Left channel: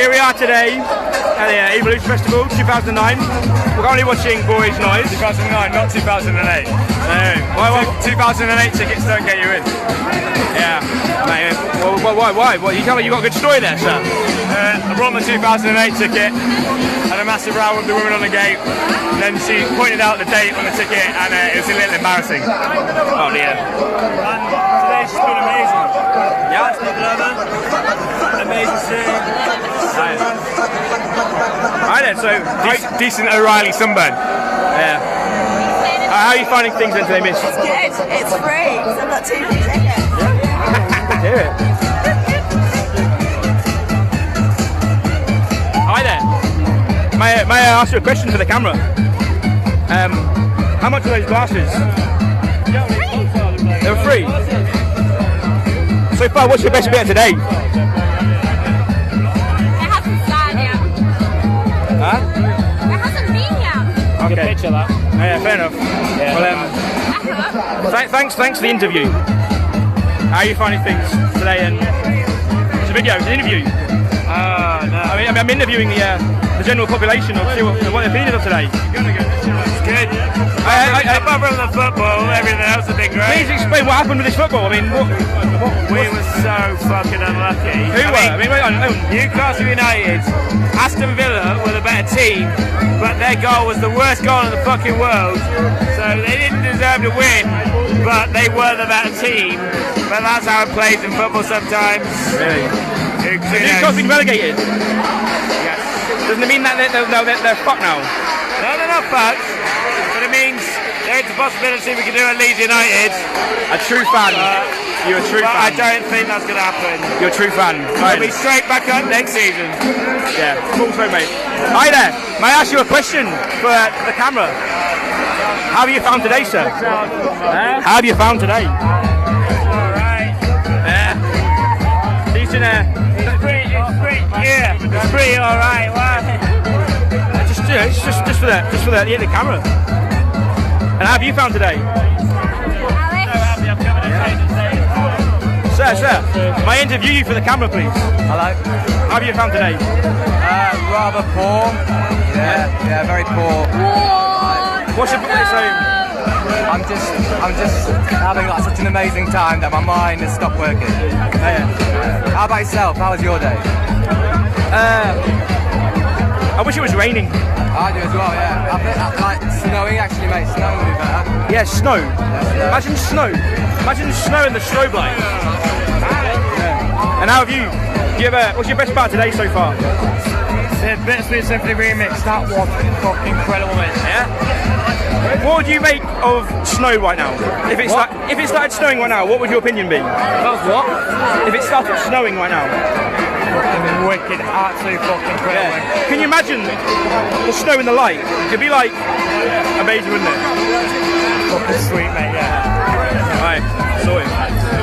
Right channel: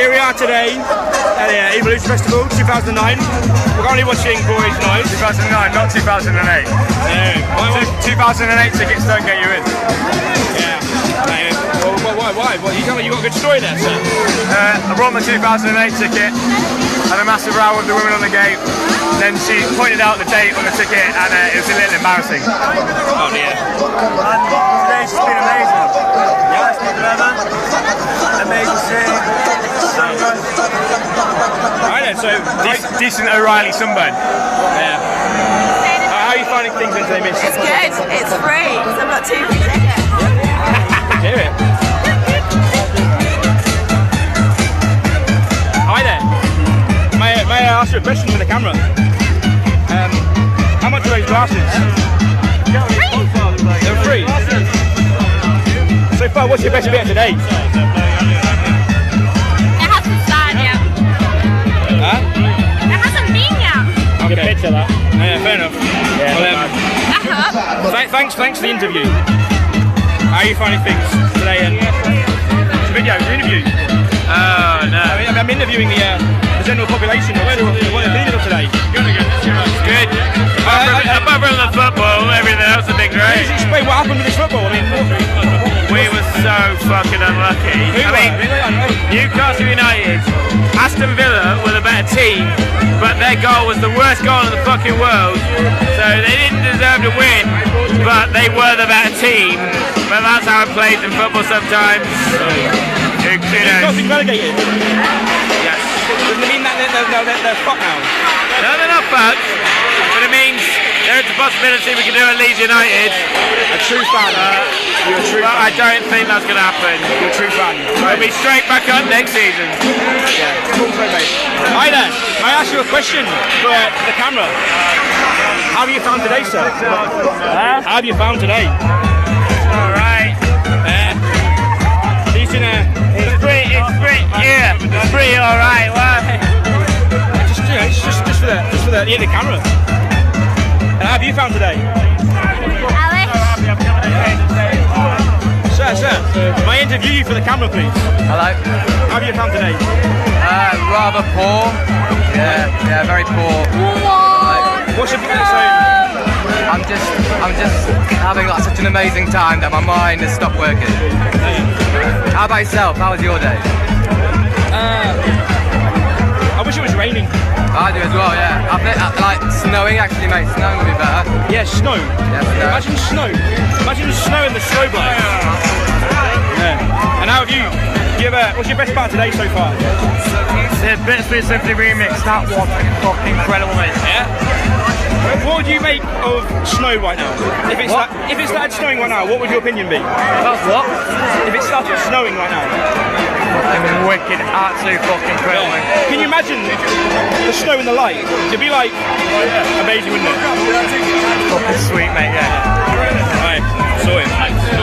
Here we are today at the Evolution Festival 2009. We're currently watching Boys Noise. 2009, not 2008. Why? 2008 tickets don't get you in. Yeah. Why? You got a good story there, sir. I brought my 2008 ticket, had a massive row with the woman on the gate, then she pointed out the date on the ticket and it was a little embarrassing. Oh dear. And today's just been amazing. Yeah, it's been amazing seeing. Alright then, so Decent O'Reilly sunburn. yeah. How are you finding things in today, Miss? It's good. It's free because I've got 2 free tickets. Let's hear it. Hi there. May I ask you a question for the camera? How much are those glasses? They're free. So far, what's your best bit of today? It hasn't started yet. Huh? It hasn't been yet. Okay. Picture that. Yeah, fair enough. Yeah, Well, thanks for the interview. How are you finding things today? And it's a video, it's an interview. Oh no. I'm interviewing the general population. What are you feeling of today? It's good. Apart from the football, everything else has been great. Please explain what happened with this football. I mean, We were so fucking unlucky. Newcastle United, Aston Villa were the better team, but their goal was the worst goal in the fucking world. So they didn't deserve to win, but they were the better team. But that's how it plays in football sometimes. Newcastle relegated. Yes. Doesn't it mean that they're fucked now? No, they're not fucked, but it means there's a possibility we can do at Leeds United. A true fan. You're a true But I fan. don't think that's going to happen. You're a true fan. We'll be straight back up next season. Yeah. Cool, mate. Hi there. May I ask you a question for the camera? How have you found today, sir? How have you found today? Alright. Decent. It's pretty alright. Why? It's just for the camera. And how have you found today? Sir, may I interview you for the camera, please? Hello. How have you found today? Rather poor. Yeah, very poor. What's your I'm just having like such an amazing time that my mind has stopped working. How about yourself? How was your day? I wish it was raining. I do as well. Yeah. I think like snowing actually, mate. Snowing would be better. Yeah, snow. Yeah, snow. Imagine snow. Imagine snow in the strobe light. Yeah. And how have you? What's your best part today so far? The Bitsby Symphony remix, that was fucking incredible, mate. Yeah. What would you make of snow right now? If it started snowing right now, what would your opinion be? That's what? If it started snowing right now? Fucking wicked, absolutely fucking incredible. Yeah. Can you imagine the snow in the light? It'd be like amazing, wouldn't it? Fucking sweet, mate, yeah. Alright, saw it.